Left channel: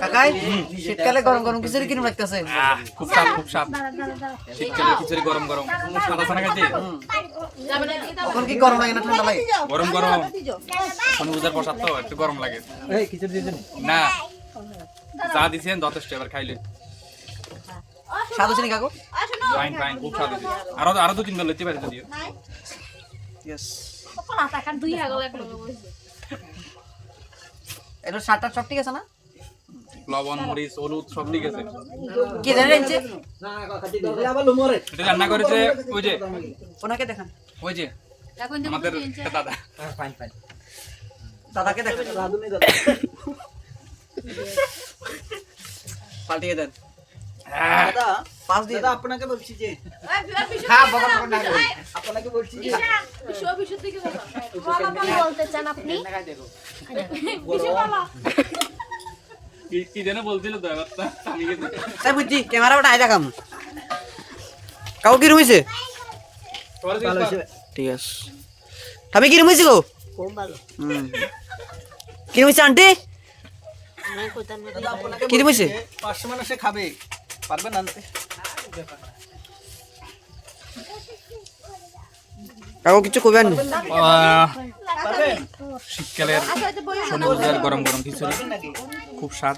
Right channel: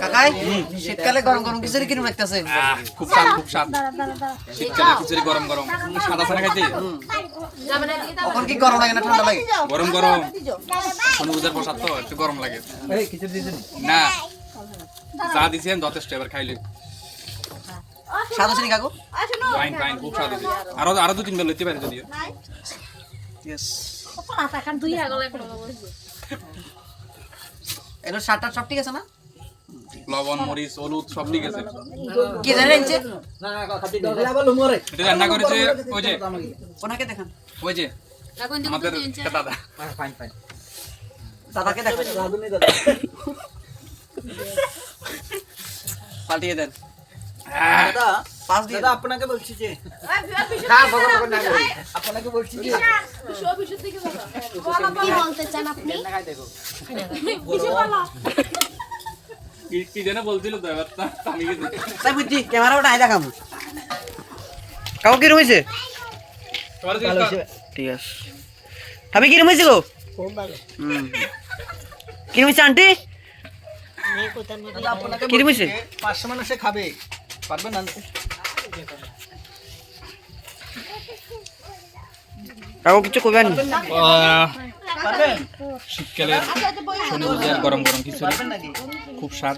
কাকাই শীতকালে গরম গরম খিচুড়ি কিরম লাগতেছে? খুব স্বাদ খুব স্বাদ। শীতকালে খিচুড়ি গরম গরম সাদা সাদা খাইতে এখন কি গরম লাগে না ঠান্ডা লাগে? গরম গরম শনি পূজার প্রসাদ তো একটু গরম লাগে না। চা দিছেন যথেষ্ট, এবার খাইলে স্বাদ হচ্ছে নি কাকু? ফাইন ফাইন, খুব স্বাদ হয়েছে। আরো দু তিন বেলা লইতে পারে যদিও। ইয়েস এগুলো সাতটা সব ঠিক আছে না? লবণ মরিচ হলুদ সব ঠিক আছে। কি জানেন এনছে? এটা রান্না করেছে ওই যে, ওনাকে দেখান। ওই যে আমাদের দাদা। দাদাকে দেখান। পাল্টিয়ে দেন। পাঁচ দিয়ে আপনাকে বলছি যে আপনাকে বলছি যে কি বলতে চান আপনি? কি জানে বলছিল তো, এবার আমি গেছি। তাই বুঝছি ক্যামেরা ওটা আয় দেখাম। কাকু কি রুমিছে? ঠিক আছে। আমি কি রুমিছি গো? কি রুমিছে আন্টি? কি রুমিছে? 500 মানুষে খাবে, পারবেন না? কাকু কিছু কইবেন? শীতকালের শনি পূজার গরম গরম খিচুড়ি খুব স্বাদ।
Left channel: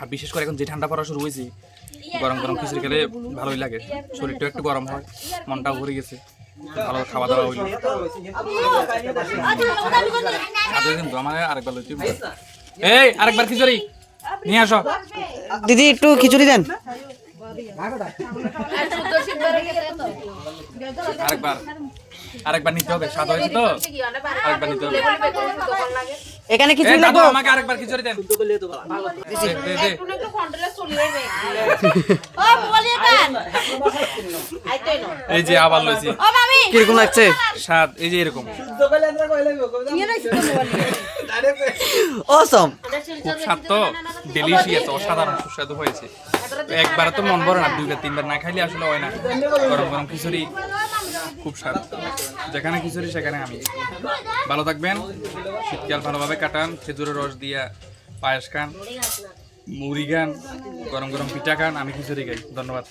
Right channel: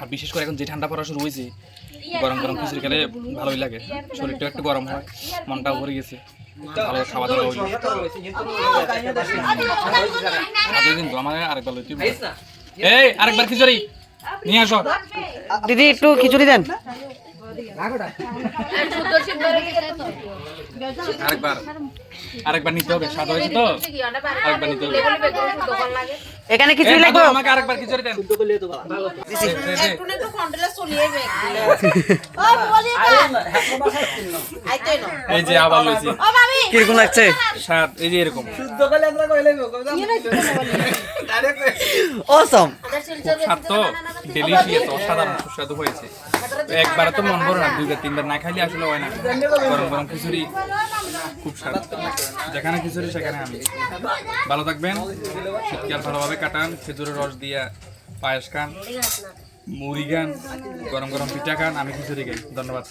আর বিশেষ করে এখন যে ঠান্ডা পড়া শুরু হয়েছে, গরম গরম খিচুড়ি খেলে ভালোই লাগে। শরীরটা একটু গরম হয়, মনটাও ভরে গেছে, ভালো খাওয়া দাওয়া হইল। কিন্তু আমার আরেকবার লইতে হবে। এই আরেকবার খিচুড়ি নিয়ে আসো। দিদি একটু খিচুড়ি দেন। আরেকবার নিতে হবে, স্বাদ হয়েছে তো আরেকবার নিতে হবে। এখানে খিচুড়ি লাগবে? আমাকে আরেকবার খিচুড়ি দেন। এই যে আবার লইছি, কিরকম লাগছে? স্বাদ এই যে এরকম অসম। খুব স্বাদ তো, ডেলিশিয়াস, অসাধারণ সুস্বাদু হয়েছে। তো একবারে তো মন ভরে না, দুইবার তিনবার না খাইলে আসলে হয় না। গরম গরম খিচুড়ি খুব স্বাদ। যেখানে খিচুড়ি সেখানে আমি। ভালো থাকবেন, শীতকাল ভালোভাবে কাটান, খেজুরের রস দিয়া পায়েস খান, মুড়ি খান, গরম গরম পিঠা খান, আমি খিচুড়ি খাই। ধন্যবাদ।